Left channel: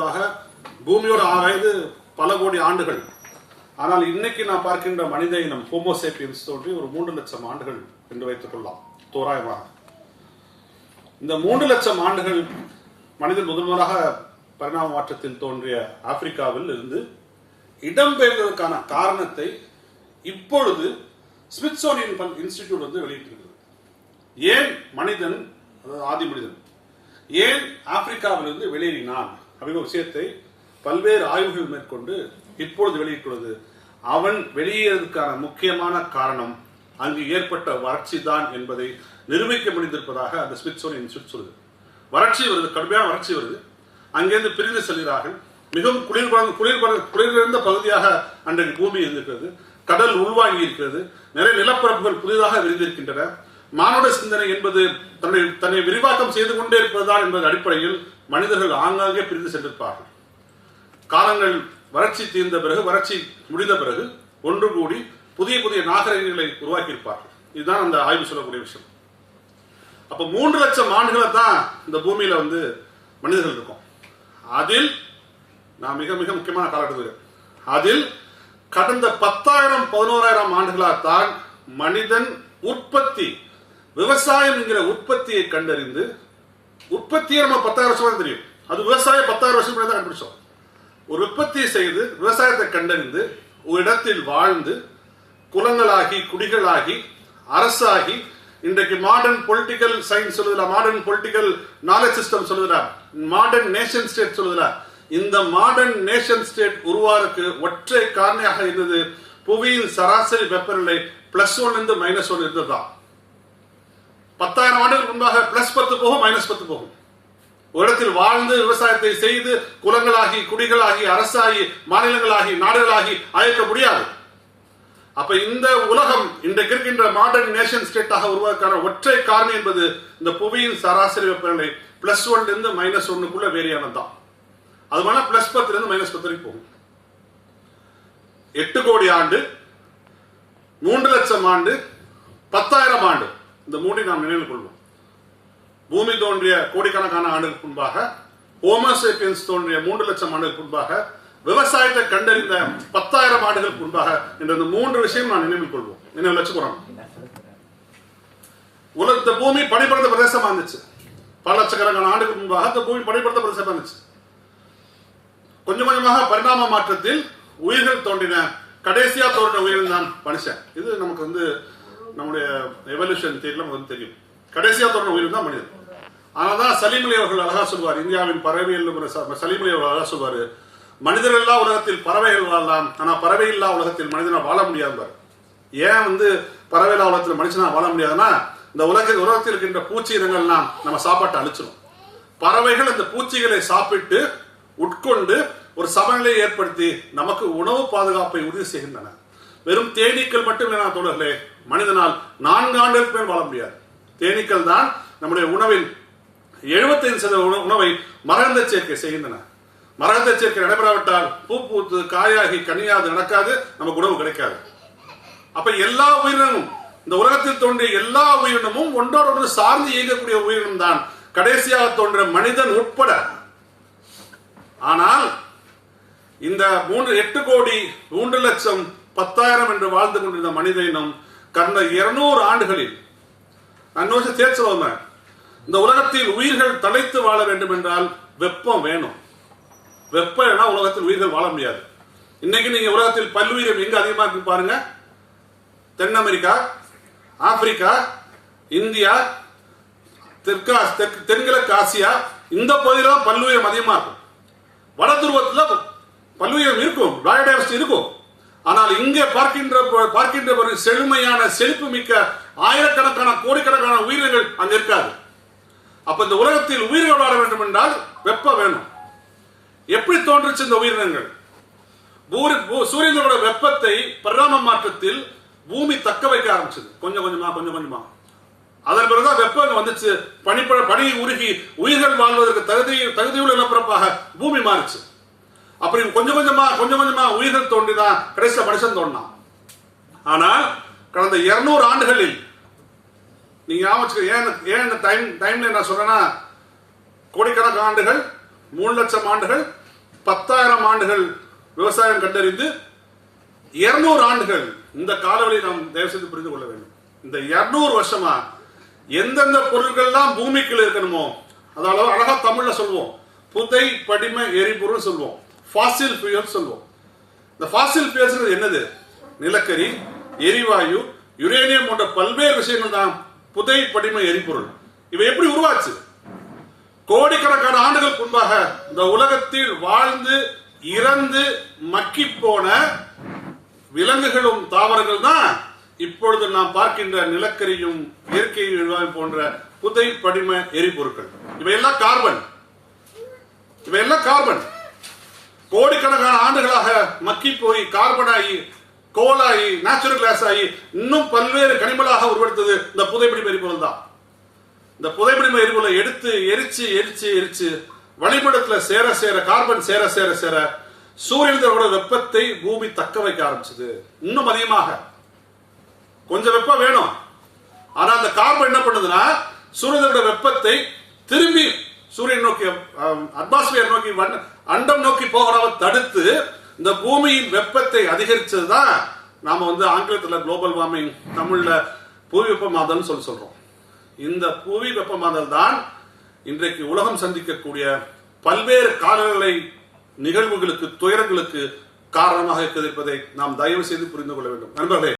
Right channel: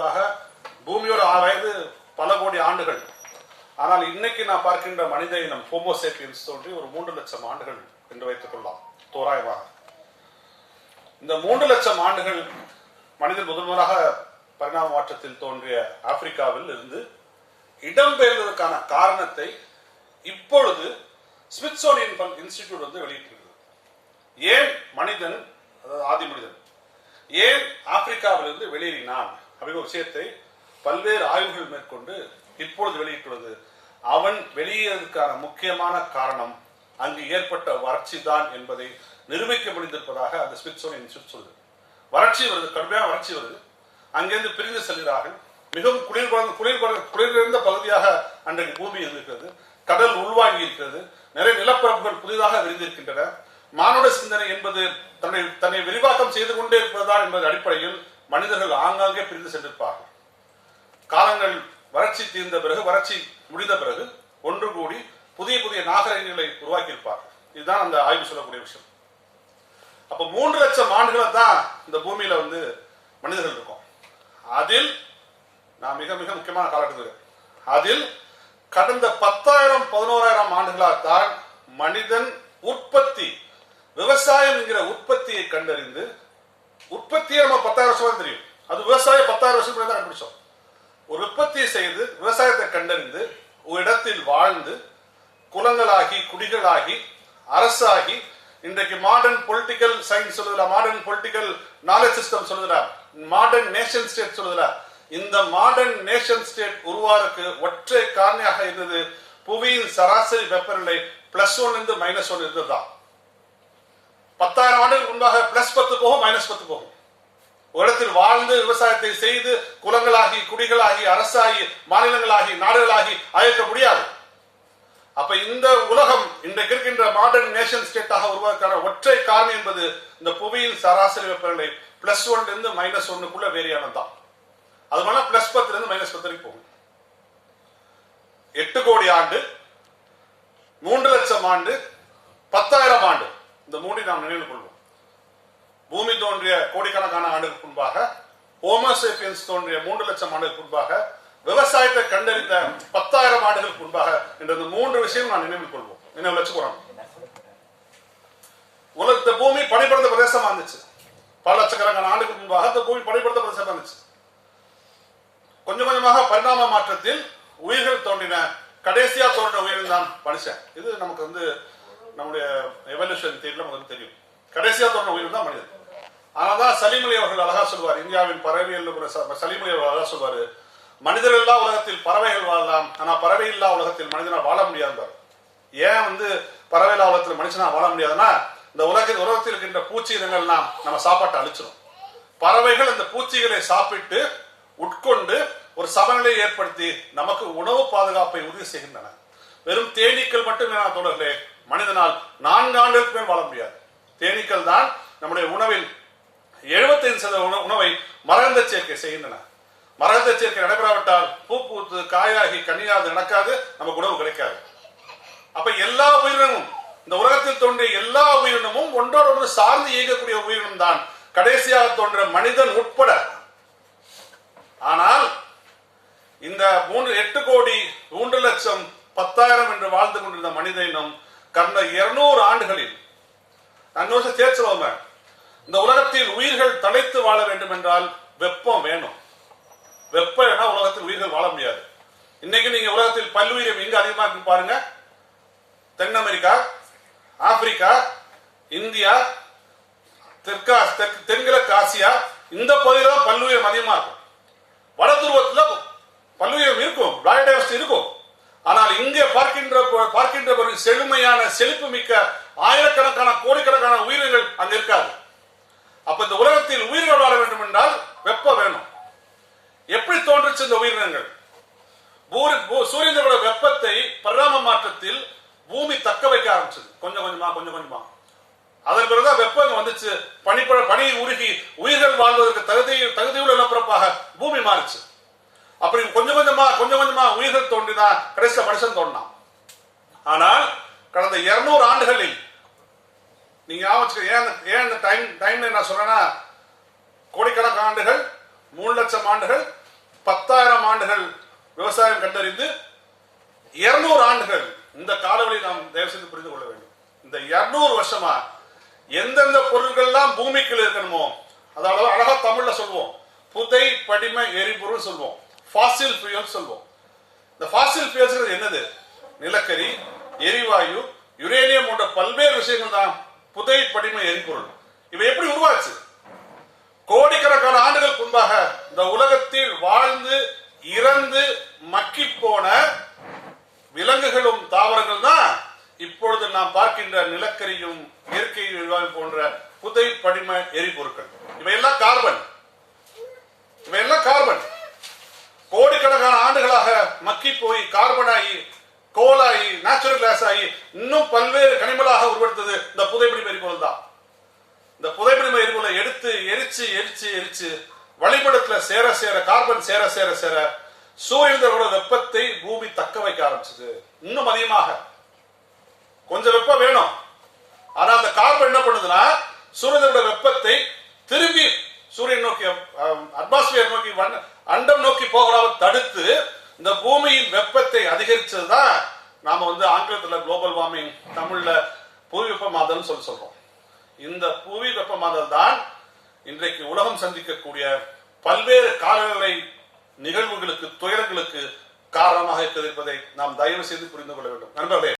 முன்பாக பூமியோட வயது பல கோடி ஆண்டுகள். ஆனால் இன்னைக்கு நான் பார்க்கின்ற மனித இனம் ஹோமோசேபியன்ஸ் தோன்றி ஒரு 3 லட்சம் ஆண்டுகள் என்று வைத்துக் கொள்ளலாம் தோராயமாக. இந்த 3 லட்சம் ஆண்டுகள் மனிதன் முதன்முறையாக பரிணாம மாற்றத்தில் தோன்றிய ஆப்பிரிக்காவில் இருந்து இடம்பெயர்ந்ததற்கான காரணத்தை இப்பொழுது ஸ்மித்சோனியன் இன்ஸ்டிடியூட் வந்து வெளியிட்டிருக்கிறது. ஏன் மனிதன், அதாவது ஆதி மனிதன் ஏன் ஆப்பிரிக்காவிலிருந்து வெளியேறினான் அப்படிங்கிற விஷயத்தை பல்வேறு ஆய்வுகள் மேற்கொண்டு இப்பொழுது வெளியிட்டுள்ளது. அவன் வெளியேறதுக்கான முக்கியமான காரணம் அங்கு ஏற்பட்ட வறட்சி தான் என்பதை நிரூபிக்க முடிந்திருப்பதாக அந்த ஸ்மித்சோனியன் இன்ஸ்டிடியூட் சொல்லுது. வறட்சி வருது, கடுமையான வறட்சி வருது. அங்கிருந்து பிரிந்து செல்கிறார்கள். மிகவும் குளிர்ந்த பகுதியாக அன்றைக்கு பூமி இருந்திருக்கிறது. கடல் உள்வாங்கி இருக்கிறது. நிறைய நிலப்பரப்புகள் புதிதாக விரிந்திருக்கின்றன. மானுட சிந்தனை என்பது தன்னை விரிவாக்கம் செய்து கொண்டே இருப்பதுதான் என்பது அடிப்படையில் மனிதர்கள் ஆங்காங்கே பிரிந்து சென்றிருப்பார்கள். காலங்கள் வறட்சி தீர்ந்த பிறகு, வறட்சி முடிந்த பிறகு ஒன்று கூடி புதிய புதிய நாகரிகங்களை உருவாக்கி இருப்பார்கள். இதுதான் அந்த ஆய்வு சொல்லக்கூடிய விஷயம். அப்ப 3 லட்சம் ஆண்டுகளை தான் இந்த பூமியில வந்து மனிதர்கள் இருக்கும். அதில் நான் மிக மிக முக்கியமான காலகட்டத்தில் அதில் கடந்த 10,000 11,000 ஆண்டுகளால்தான் மனிதன் உற்பத்தி, விவசாயம் என்கிற உற்பத்தியை கண்டறிந்து, உற்பத்தியை நம்ம 10,000 வருஷம் தெரியும், அது விவசாயம் 10,000 வருஷம் தான் கண்டுபிடிச்சோம். ஒரு உற்பத்தியை செய்து விவசாயத்தை கண்டறிந்து ஒரு இடத்தில் வாழ்ந்து குலங்களாகி குடிகளாகி அரசாகி இன்றைக்கு மாடர்ன் பொலிட்டிக்கல் சயின்ஸ் சொல்லுதா, மாடர்ன் பொலிட்டிக்கல் நாலேஜ் சிஸ்டம் சொல்லுதா, மாடர்ன் நேஷன் ஸ்டேட் சொல்லுதா. இந்த மாடர்ன் நேஷன் ஸ்டேட் உருவாருக்கு ஒற்றை காரணியாக இருந்தது புவியின் சராசரி வெப்பநிலை +1 இருந்து -1 இருந்ததுதான். 10,000 ஆண்டுகளுக்கு முன்பாக +10 போகும், -10 போகும். ஒரு இடத்தில் வாழ்ந்து விவசாயத்தை செய்து குலங்களாகி குடிகளாகி அரசாகி மாநிலங்களாகி நாடுகளாகி அழைக்க முடியாது. அப்ப இந்த உலகம் இன்றைக்கு இருக்கின்ற மாடர்ன் நேஷன் ஸ்டேட்டாக உருவாக்கான ஒற்றை காரணம் என்பது இந்த புவியின் சராசரி வெப்பநிலை +1 இருந்து -1க்குள்ள வேரியானது தான். அது மாதிரி +10 இருந்து -10 வரைக்கும் போகும். 8 கோடி ஆண்டு, 3 லட்சம் ஆண்டு, 10,000 ஆண்டு, இந்த மூன்றை நாம் நினைவில் கொள்வோம். பூமி தோன்றிய கோடிக்கணக்கான ஆண்டுகளுக்கு முன்பாக, ஹோமோசேபியன்ஸ் தோன்றிய 3 லட்சம் ஆண்டுகளுக்கு முன்பாக, விவசாயத்தை கண்டறிந்த 10,000 ஆண்டுகளுக்கு முன்பாக என்ற இந்த 3 விஷயம் நான் நினைவில் கொள்வோம், நினைவில் வச்சுக்கிறோம். உலகத்த பூமி பனிபடர்ந்த பிரதேசமா இருந்துச்சு. பல லட்சக்கணக்கான ஆண்டுகளுக்கு முன்பாக இந்த பூமி பனிபடர்ந்த பிரதேசமா இருந்துச்சு. கொஞ்சம் கொஞ்சமாக பரிணாம மாற்றத்தில் உயிர்கள் தோன்றின. கடைசியா தோன்றின உயிர்கள் தான் மனுஷன். இது நமக்கு வந்து நம்முடைய எவல்யூஷன் தியரியில நமக்கு தெரியும். கடைசியா தோன்றின உயிர்கள் தான் மனிதன். ஆனாதான் சலீமலி அவர்கள் அழகா சொல்வார், இந்தியாவின் பறவைகள் சலீமலி அவர்கள் அழகா சொல்வாரு, மனிதர்கள் இல்லா உலகத்தில் பறவைகள் வாழலாம், ஆனா பறவை இல்லா உலகத்தில் மனிதனா வாழ முடியாது. ஏன் வந்து பறவை இல்லா உலகத்தில் மனுஷனா வாழ முடியாதுன்னா, இந்த உலகத்தில் இருக்கின்ற பூச்சி இனங்கள்லாம் நம்ம சாப்பாட்டை அழிச்சிடும். பறவைகள் இந்த பூச்சிகளை சாப்பிட்டு உட்கொண்டு ஒரு சமநிலையை ஏற்படுத்தி நமக்கு உணவு பாதுகாப்பை உறுதி செய்கின்றன. வெறும் தேனீக்கள் மட்டும் வேணா தோழர்களே, மனிதனால் 4 ஆண்டுகளுக்கு மேல் வாழ முடியாது. தேனீக்கள் தான் நம்முடைய உணவில் 75% உணவை மரகந்த சேர்க்கை செய்கின்றன. மரகந்த சேர்க்கை நடைபெறாவிட்டால் பூ பூத்து காயாகி கனியாது நடக்காது, நமக்கு உணவு கிடைக்காது. அப்ப எல்லா உயிரினமும், இந்த உலகத்தில் தோன்றிய எல்லா உயிரினமும் ஒன்றோடு சார்ந்து இயங்கக்கூடிய உயிரினம் தான் கடைசியாக தோன்ற மனிதன் உட்பட. ஆனால் இந்த 8 கோடி 3 லட்சம் 10,000 என்று வாழ்ந்து கொண்டிருந்த மனித இனம் கடந்த 200 ஆண்டுகளில், நான் தேர்ச்சுவோம், இந்த உலகத்தில் உயிர்கள் தலைத்து வாழ வேண்டும் என்றால் வெப்பம் வேணும். வெப்பம் இல்லைன்னா உலகத்தில் உயிர்கள் வாழ முடியாது. இன்னைக்கு நீங்க உலகத்தில் பல்லுயிரம் எங்க அதிகமா இருக்கு பாருங்க. தென் அமெரிக்கா, ஆப்பிரிக்கா, இந்தியா, தென்கிழக்கு ஆசியா, இந்த பகுதியில தான் பல்லுயிரம் அதிகமா இருக்கும். வட துருவத்தில் பல்லுயிரம் இருக்கும், பயோடைவர்சிட்டி இருக்கும். ஆனால் இங்கே பார்க்கின்ற செழுமையான செழிப்பு மிக்க ஆயிரக்கணக்கான கோடிக்கணக்கான உயிர்கள் அங்க இருக்காது. அப்ப இந்த உலகத்தில் உயிர்கள் வாழ வேண்டும் என்றால் வெப்பம் வேணும். எப்படி தோன்றுச்சு இந்த உயிரினங்கள்? சூரியனோட வெப்பத்தை பரிணாம மாற்றத்தில் பூமி தக்க வைக்க ஆரம்பிச்சது, கொஞ்சம் கொஞ்சமா. அதன் பிறகுதான் வெப்பம் வந்துச்சு. பனி உருகி உயிர்கள் வாழ்வதற்கு தகுதியுள்ள நிலப்பரப்பாக பூமி மாறுச்சு. அப்படி கொஞ்சம் கொஞ்சமா உயிர்கள் தோன்றினா கடைசியில் மனுஷன் தோன்றினான். ஆனால் கடந்த 200 ஆண்டுகளில் நீங்க ஏன் இந்த டைம் நான் சொல்றேன்னா, கோடிக்கணக்கான ஆண்டுகள், 3 லட்சம் ஆண்டுகள், 10,000 ஆண்டுகள் விவசாயம் கண்டறிந்து 200 ஆண்டுகள் இந்த காலவழி நாம் தயவு செய்து புரிந்து கொள்ள வேண்டும். இந்த 200 வருஷமா எந்தெந்த பொருட்கள்லாம் பூமிக்குள்ள இருக்கணுமோ, அதாவது அழகா தமிழ்ல சொல்வோம், புதை படிம எரிபொருள் சொல்வோம், ஃபாசில் ஃபியூயல் சொல்வோம். இந்த ஃபாசில் ஃபியூயல்ஸ் என்னது? நிலக்கரி, எரிவாயு, யுரேனியம் போன்ற பல்வேறு விஷயங்கள் தான் புதை படிம எரிபொருள். இவை எப்படி உருவாச்சு? கோடிக்கணக்கான ஆண்டுகள் முன்பாக இந்த உலகத்தில் வாழ்ந்து இறந்து மக்கி போன விலங்குகளும் தாவரங்கள் தான் இப்பொழுது நாம் பார்க்கின்ற நிலக்கரியும் இயற்கை எரிவாயு போன்ற புதை படிம எரிபொருட்கள். இவையெல்லாம் கார்பன். கோடிக்கணக்கான ஆண்டுகளாக மக்கி போய் கார்பன் ஆகி, கோலாகி, நேச்சுரல் கேஸ் ஆகி, இன்னும் பல்வேறு கனிமங்களாக உருவெடுத்தது இந்த புதைப்படிம எரிபொருள் தான். இந்த புதைப்படிம எரிபொருளை எடுத்து எரிச்சு வளிமண்டலத்துல சேர சேர கார்பன் சேர சேர சேர சூரியனோட வெப்பத்தை பூமி தக்க வைக்க ஆரம்பிச்சது. இன்னும் அதிகமாக கொஞ்சம் வெப்பம் வேணும். ஆனா அந்த கார்பன் என்ன பண்ணுதுன்னா சூரியனோட வெப்பத்தை திரும்பி சூரியன் நோக்கி, அட்மாஸ்பியர் நோக்கி, அண்டம் நோக்கி போகிறத தடுத்து இந்த பூமியின் வெப்பத்தை அதிகரிச்சதுதான் நாம ஆங்கிலத்தில் குளோபல் வார்மிங், தமிழ்ல புவி வெப்பமாதல் சொல்றோம். இந்த புவி வெப்பமாதல் தான் இன்றைக்கு உலகம் சந்திக்கக்கூடிய பல்வேறு காலநிலை நிகழ்வுகளுக்கு, துயரங்களுக்கு காரணமாக இருப்பதை நாம் தயவு செய்து புரிந்து கொள்ள வேண்டும் நண்பர்களே.